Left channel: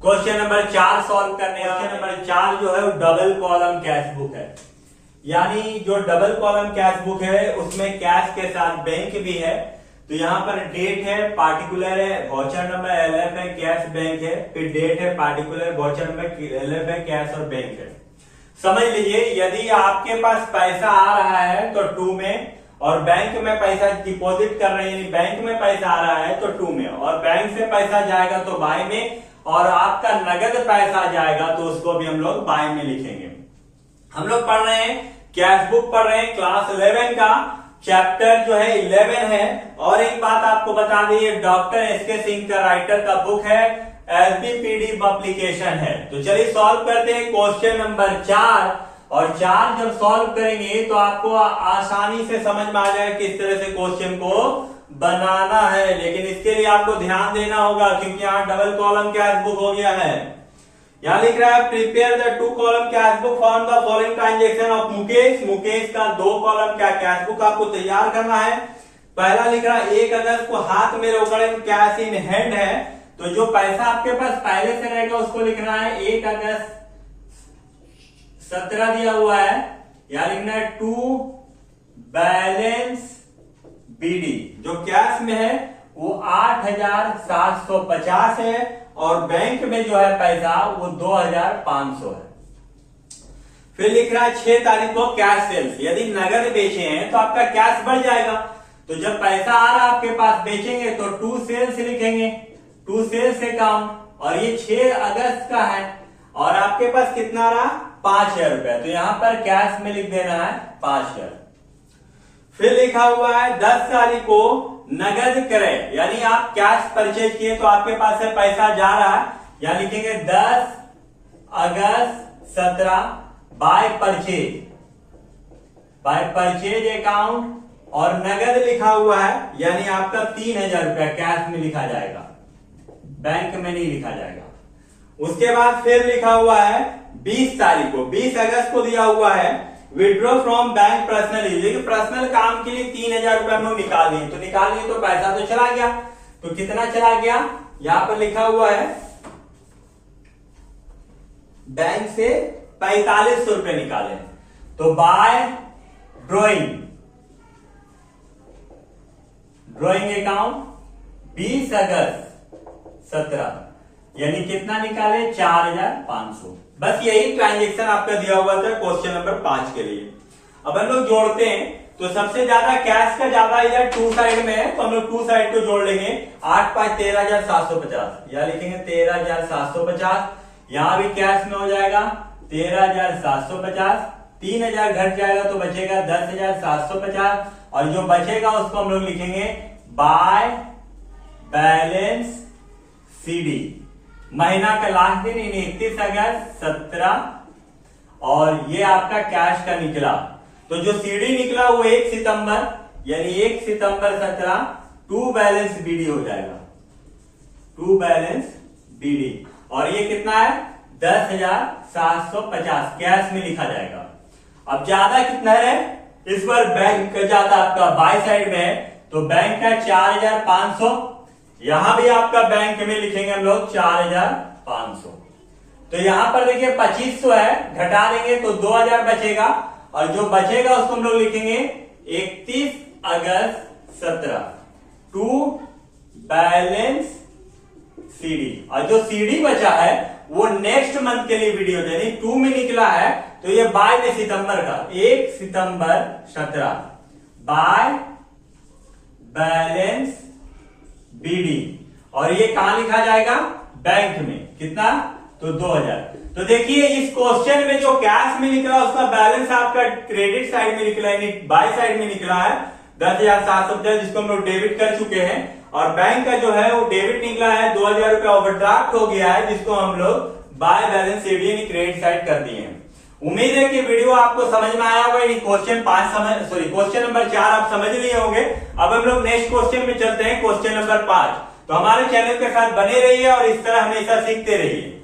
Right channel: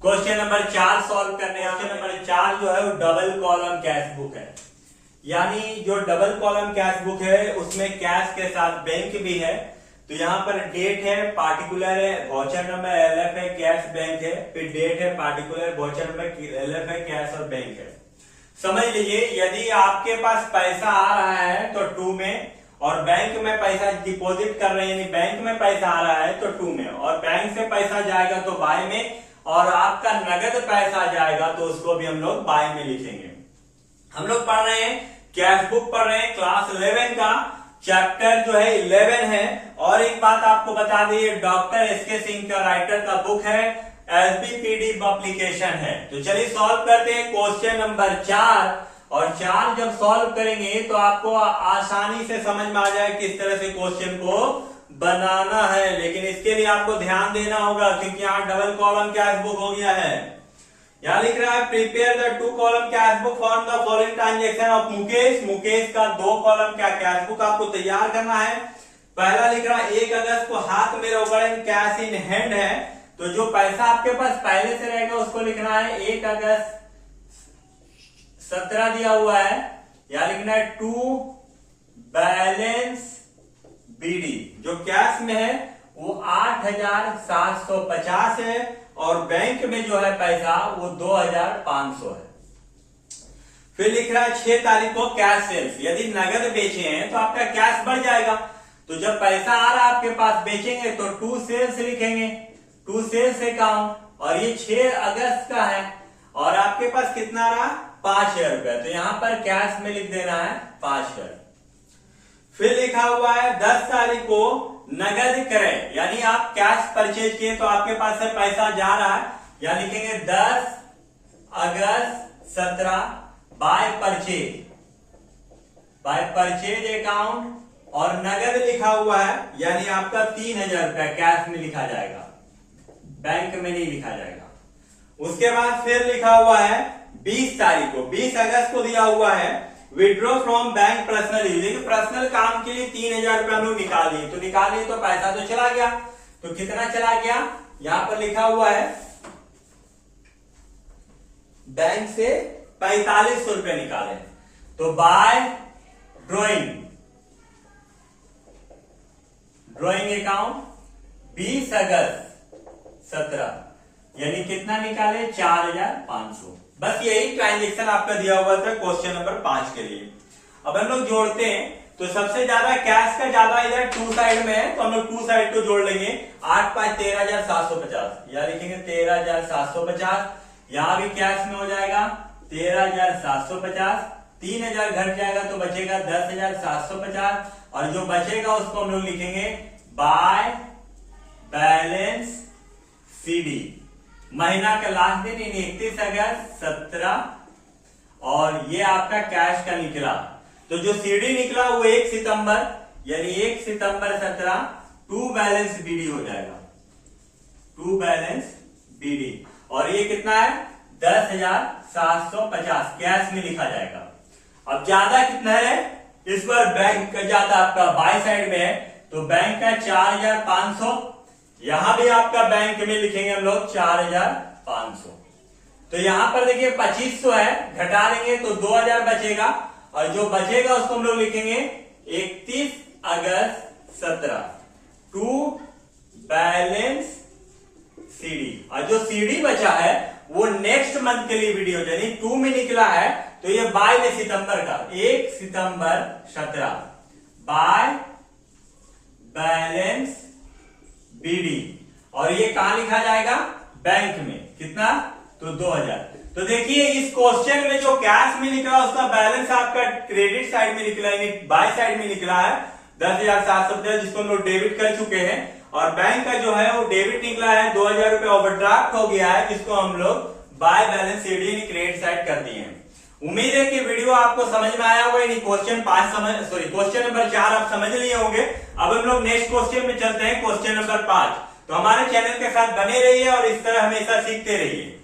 Question number 4 solve करने हैं। Question number 4 जो है वो डबल कॉलम कैश बुक है, यानी जो डबल कॉलम कैश बुक है उसमें कैश के साथ बैंक भी है। तो यहाँ पर डेट है, पार्टिकुलर है, वाउचर नंबर एलएफ है, कैश बैंक है, फिर डेट है, पार्टिकुलर, वाउचर नंबर एलएफ है, कैश और बैंक है। समझ लीजिए यदि आपके पास पैसा आ रहा है तो 2 में, और बैंक में पैसा डिपॉजिट कर रहे हैं यानी बैंक में पैसा आ रहा है तो 2 में, और बैंक से पैसा जाएगा तो बाय में, और आपका नगद पैसा जाएगा तो उसको भी हम लोग बाय में लिखेंगे। हम लोग पढ़ रहे हैं कैश बुक पढ़ रहे हैं, क्लास 11 का चैप्टर जो है 11 है। और एक बात आपको बता दी, डॉक्टर एसके सिंह का राइटर का बुक है, एसबीपीडी एप्लीकेशन है। तो चलिए सॉल्व करते हैं क्वेश्चन नंबर 4। और 4 जब सॉल्व करेंगे तो आपको आसानी से समझ में आ जाए किस तरह से क्वेश्चन को बनाना है, लेकिन इसके लिए आपको ध्यान देना होगा क्योंकि यहाँ डबल कॉलम कैश बुक हो गया है। यहाँ लिख रहा है prepare the 2 column cash book for the following transaction of Mukesh. Mukesh का 2 कॉलम का कैश बुक आपको तैयार करना है। पहला लिख रहा है 1 अगस्त को हाथ में रोकड़ कैश इन हैंड है, तो जो पैसा आपके पास पहले से रहेगा उसको लिखना है 1 अगस्त 17 दिया हुआ है। यहाँ लिखना है 2 बैलेंस बीडी, जो कैश में है वो 8750 है, और बैंक में जो है पैसा वो 2500 है। फिर लिख रहा है 6 तारीख को कैश सेल्स, यदि नगद बेचे हैं तो आपका कैश बढ़ जाएगा। तो जब पैसा आ रहा है आपके पास बेचेंगे तो 2 सेल्स लिखेंगे, 2 सेल्स अकाउंट, और ये 6 अगस्त का है और आपके पास कितना रहा 5000 रुपए, तो यहां पर कैश में लिख देना है 5000। फिर लिखा हुआ है 10 तारीख को नगद क्रय, यानी आप कैश परचेज किए तो आपके पास से पैसा जा रहा है, यहां लिखेंगे 10 अगस्त 17 बाय परचेज अकाउंट, और नगद लिखा हुआ है यानी आपका 3000 रुपया कैश में लिखा जाएगा, बैंक में नहीं लिखा जाएगा। उसके बाद फिर लिखा हुआ है 20 तारीख को, 20 अगस्त को दिया हुआ है withdraw from bank personal use, personal काम के लिए 3000 रुपए हम लोग निकाल दिए, तो निकाल लिए तो पैसा तो चला गया। तो कितना चला गया, यहां पर लिखा हुआ है बैंक से 4500 रुपए निकाले, तो बाय ड्रॉइंग अकाउंट 20 अगस्त 17 यानी कितना निकाले 4500। बस यही ट्रांजेक्शन आपका दिया हुआ था क्वेश्चन नंबर 5 के लिए। अब हम लोग जोड़ते हैं, तो सबसे ज्यादा कैश का ज्यादा इधर 2 साइड में है तो हम लोग 2 साइड को जोड़ लेंगे। 8 5 13750, यहां लिखेंगे 13750, यहां भी कैश में हो जाएगा 13750, 3000 घट जाएगा तो बचेगा 10750, और जो बचेगा उसको हम लोग लिखेंगे बाय बैलेंस सीडी, महीना का लास्ट दिन 31 अगस्त 17, और ये आपका कैश का निकला। तो जो सीडी निकला वो 1 सितंबर, यानी 1 सितंबर 17 2 बैलेंस बीडी हो जाएगा, 2 बैलेंस बीडी, और ये कितना है 10750 कैश में लिखा जाएगा। अब ज्यादा कितना है, इस बार बैंक का ज्यादा आपका बाय साइड में है, तो बैंक का 4500, यहां भी आपका बैंक में लिखेंगे हम लोग 4500। तो यहां पर देखिए 2500 है, घटा देंगे तो 2000 बचेगा, और जो बचेगा उसको हम लोग लिखेंगे 31 अगस्त 17 2 बैलेंस सीडी, और जो सीडी बचा है वो नेक्स्ट मंथ के लिए वीडियो, यानी 2 में निकला है तो ये बाय में सितंबर का 1 सितंबर 17 बाय बैलेंस बीडी, और ये कहां लिखा जाएगा बैंक में, कितना तो 2000। तो देखिए इस क्वेश्चन में जो कैश में निकला उसका बैलेंस आपका क्रेडिट साइड में निकला, यानी बाय साइड में निकला है 10750, जिसको हम लोग डेबिट कर चुके हैं, और बैंक का जो है वो डेबिट निकला है 2000 रुपया ओवरड्राफ्ट हो गया है, जिसको हम लोग बाय बैलेंस सीडी यानी क्रेडिट साइड कर दिए हैं। उम्मीद है कि वीडियो आपको समझ में आया होगा, क्वेश्चन नंबर 4 आप समझ लिए होंगे। अब हम लोग नेक्स्ट क्वेश्चन में चलते हैं, क्वेश्चन नंबर 5। तो हमारे चैनल के साथ बने रहिए और इस तरह हमेशा सीखते रहिए।